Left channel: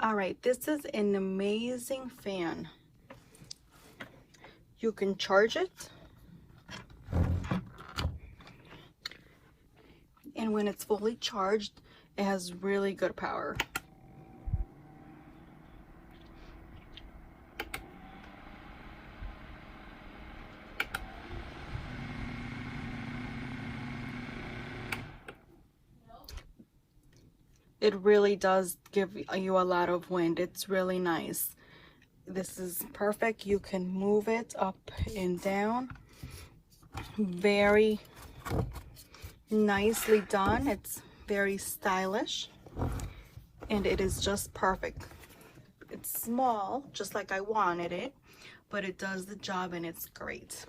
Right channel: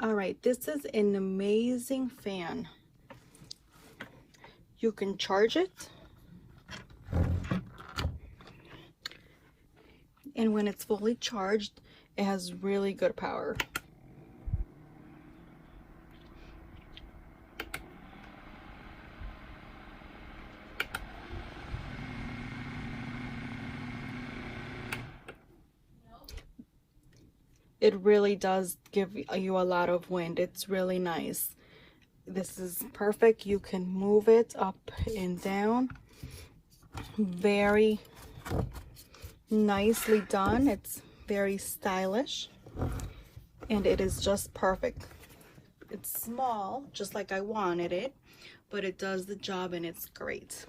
All right, this is an amazing fan. You can charge it, and when it's fully charged, it has really good power. It really does give you a lot of wind. It's really nice. This is perfect. You can move it up and down. Very nicely done. It's very stylish, and it is just perfect. It's small, just like I wanted it, but it does the job and it's great.